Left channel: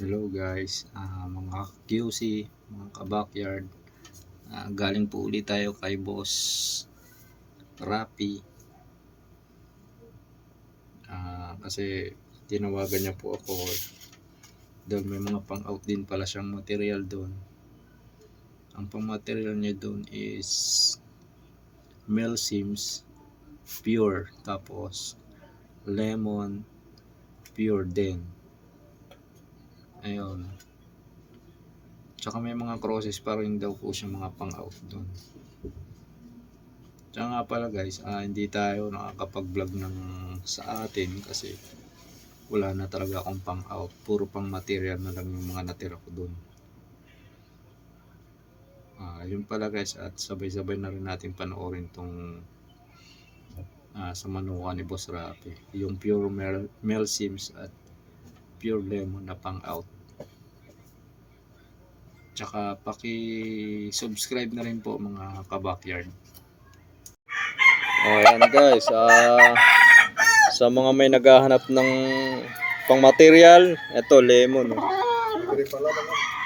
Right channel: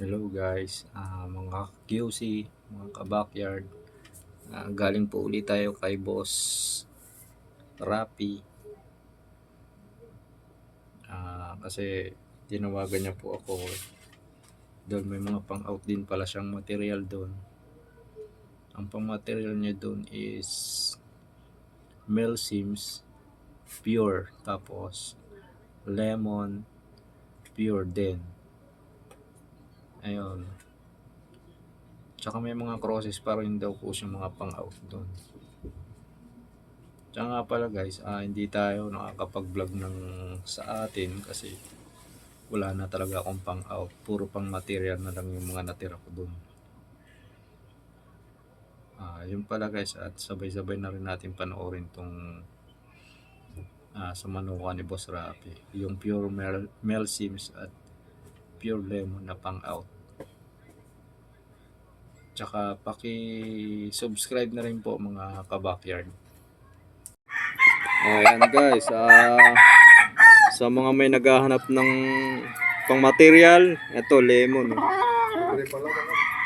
Hello guys, mga QC, mga ka-backyard. Galing po ulit tayo kay Boss Rapi. Kasi tinawagan niya po ako. Doon may mga pang-out din pala siyang material doon. Ang pang-material niya doon is Mel Sims Pure, tapos Lemon Pure din. Ayun. Tsaka may mga crosses pa rin daw po siyang mga pang-out doon. Tsaka nga pala guys, hindi tayo nakakapag-vlog ng sa atin kasi wala na talaga akong pang-out. Puro pang material na lang yung mga natira ko doon. Yun pala guys, at sabay-sabay na rin natin panoorin tong sa manuka ni Boss Rapi. Yung Pure Mel Sims at Pure Lemon na pang-out. Tsaka paki-subscribe na rin po mga ka-backyard. Ayan guys, sa mga may naghahanap ng pang material, ito lemon.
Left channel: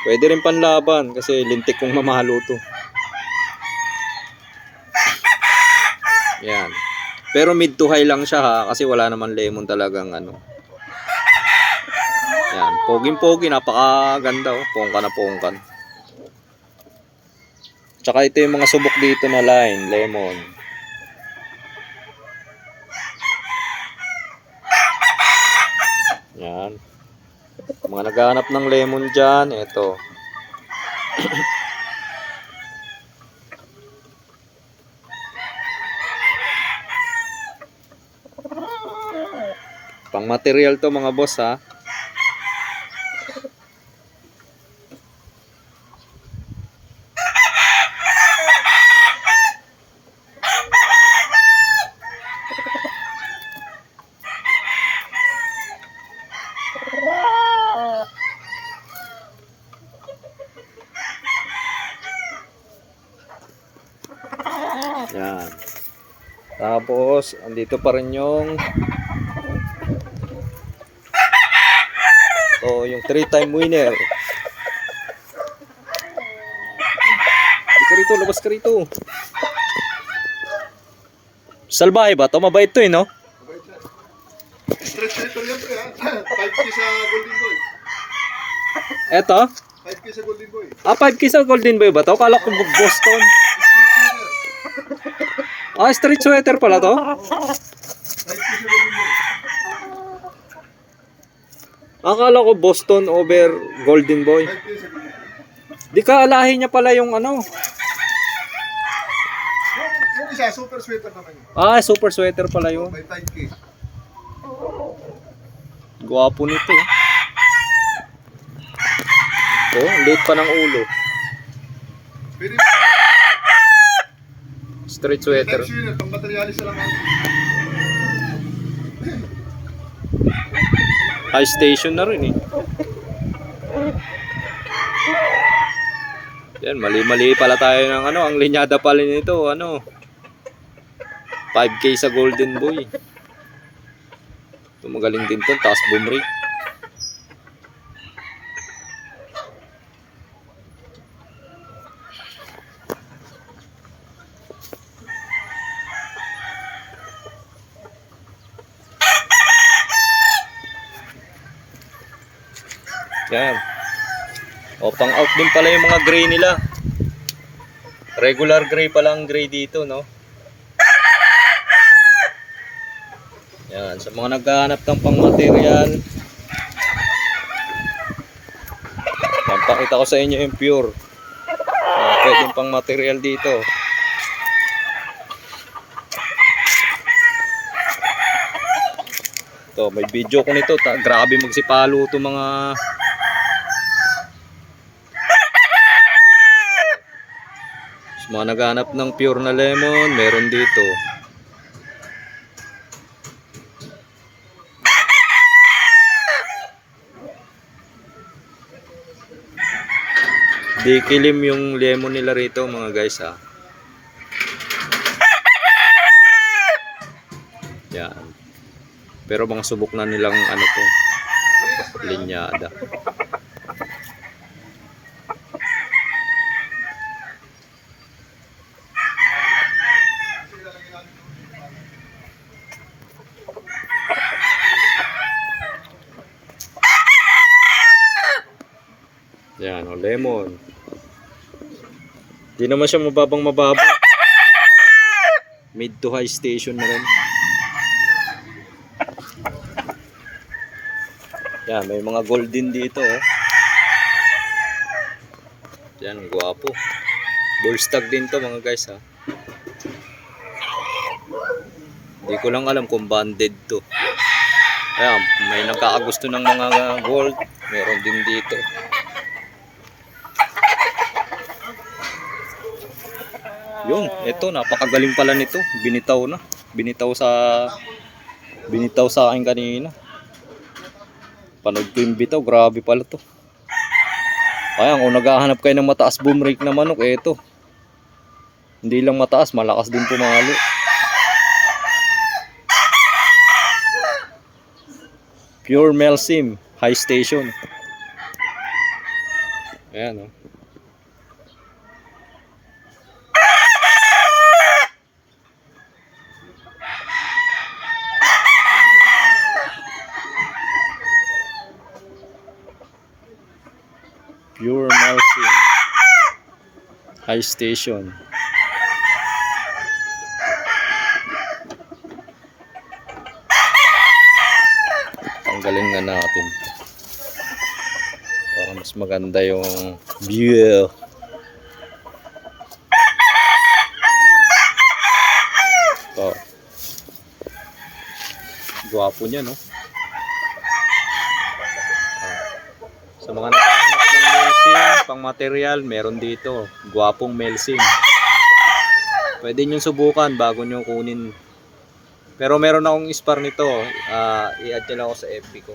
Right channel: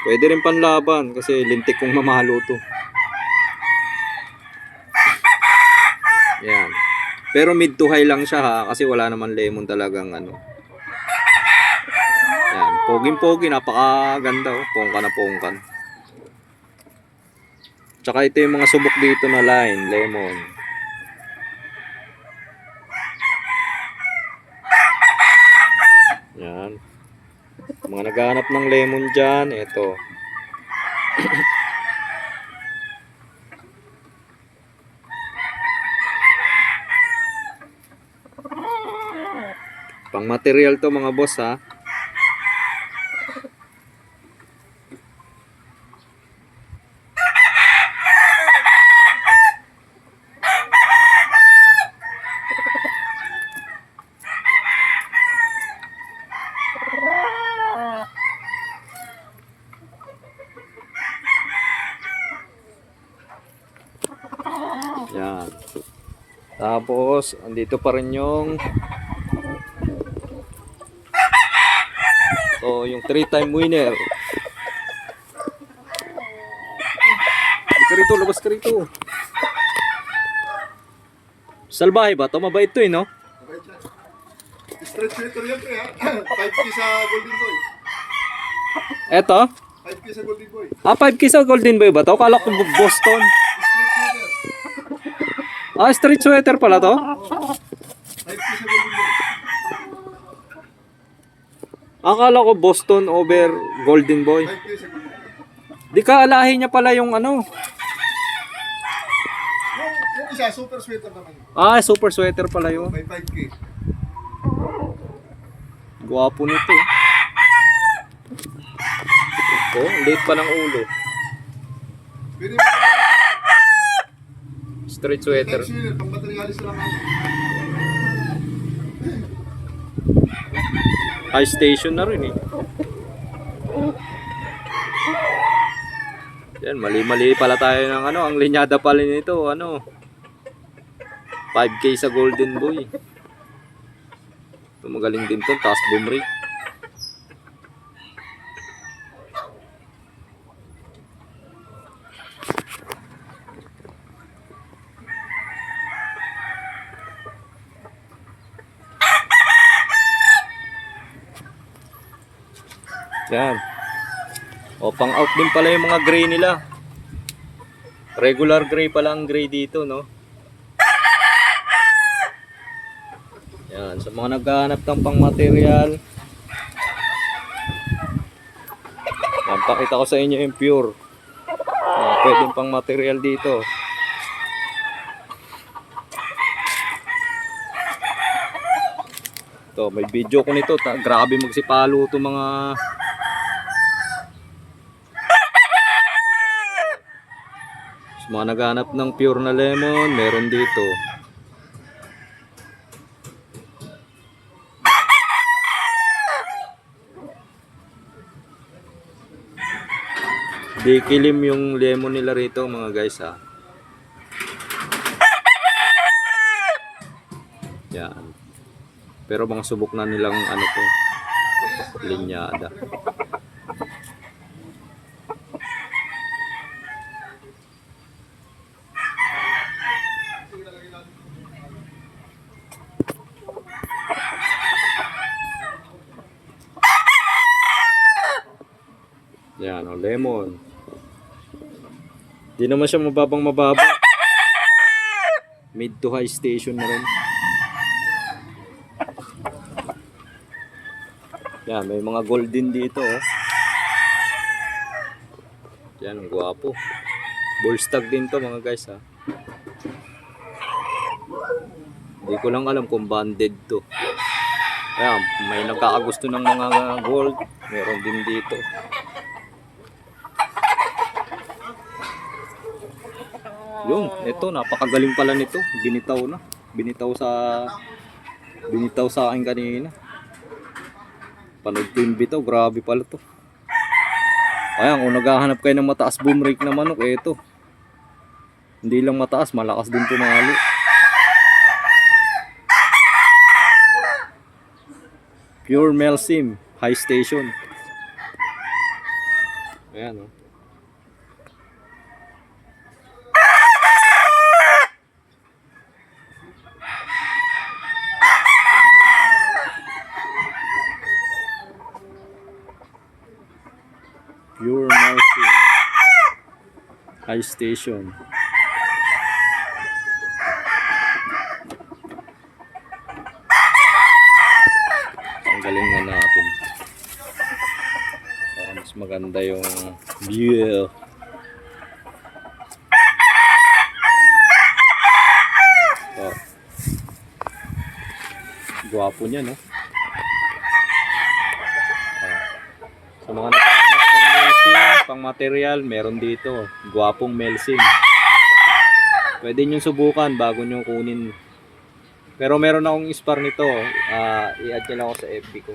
Pwede rin panlaban kasi lintik kong mamalo to. Yan. Pero mid to high lang siya ha, kasi wala naman lemon talagang ano. Yan, poging-pogi, napakaganda oh, pongkan na pongkan. Tsaka ito yung mga subok dito na line, lemon. Yan. Mga naghahanap ng lemon dyan, ito. Pang material to mga boss ha. Yan. Tapos, andito pa rin yung yung 3-time winner. Hindi ka rito, labas ka rito. Salbahe ba ito? Mabait to no? Mabait yan. Stretch ito yan pre ha. 5K sa Golden Boy. Eto? 5K sa Golden Boy. 5K sa Golden Boy ba to? Kala ko Boston. Street sweater pala to? 5K sa Golden Boy. Akala ko Boston over Golden Boy. 5K sa Golden Boy. Di ka alahin niya pala yung ano. Yung isa, super sweater naman yun. Super sweater pala yun. May 5K. Gwapo nito. Late pa ng ulo. Pwede Street sweater. next year, pang materialis na lang ako. High station na rin eh. Yan, mali-mali pala tayo ng ano, ang linyada pala nito, 5K sa Golden Boy. Ito magaling din to, taas bumri. Yan. Pang out din pala yung mga gray nila. Regular gray pala ang gray dito, no? Yan, sa mga naghahanap ng pang material. Pakita ko sa inyo yung pure. Pwedeng pang material dito. To, may video ko nito. Grabe magsipalo to mga mga naghanap ng pure na lemon, meron dito. Di kilim yung lemon nila rito mga guys ha. Yan. Pero mga subok na nilang ano to, linyada. Yan, oh, lemon. Di naman siya mababa. Mid to high station na rin. Yan, may mga golden dito, oh. Yan, ang gwapo. Bullstag din to mga guys, ha. Hindi ko lang alam kung banded to. Ayan, may nagkakagusto ng mga gold. Meron din dito. Yung, ito, napakagaling pala nito. Binitaw na. Binitaw sa akin kanina. Panood ko yung bitaw, grabe pala to. Ayan, kung naghahanap kayo ng mataas boom rake na manok, ito. Hindi lang mataas, malakas din pumalo. Pure Melsim, high station. Ayan, oh. Pure Melsim, high station. Tanggalin na natin para mas maganda yung view. Oh. Gwapo niya, no? Sa mga naghahanap ng Melsim, pang material, meron dito. Gwapong Melsim. Pwede nyo subukan bago nyo kunin. Pero meron akong spar nito. I-add nyo lang ako sa FB ko.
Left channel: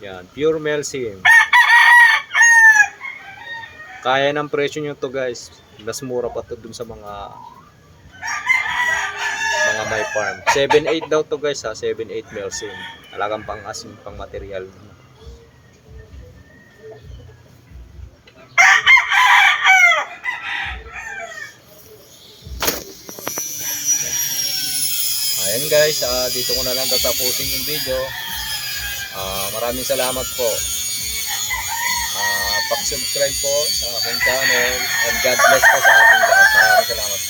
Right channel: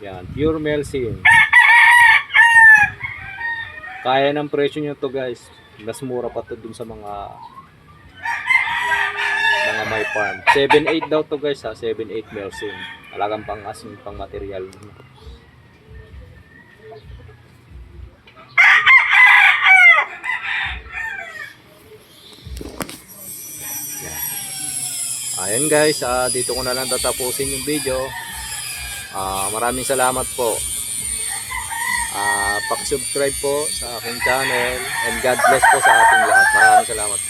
Yan, pure Melsim. Kaya ng presyo nyo to guys. Mas mura pa to dun sa mga my farm. 7.8 daw to guys, ha. 7.8 Melsim. Talagang pang asin, pang material. Ayan guys, dito ko na lang tatapusin yung video. Maraming salamat po. Pag-subscribe po sa aking channel, and God bless po sa ating lahat. Maraming salamat.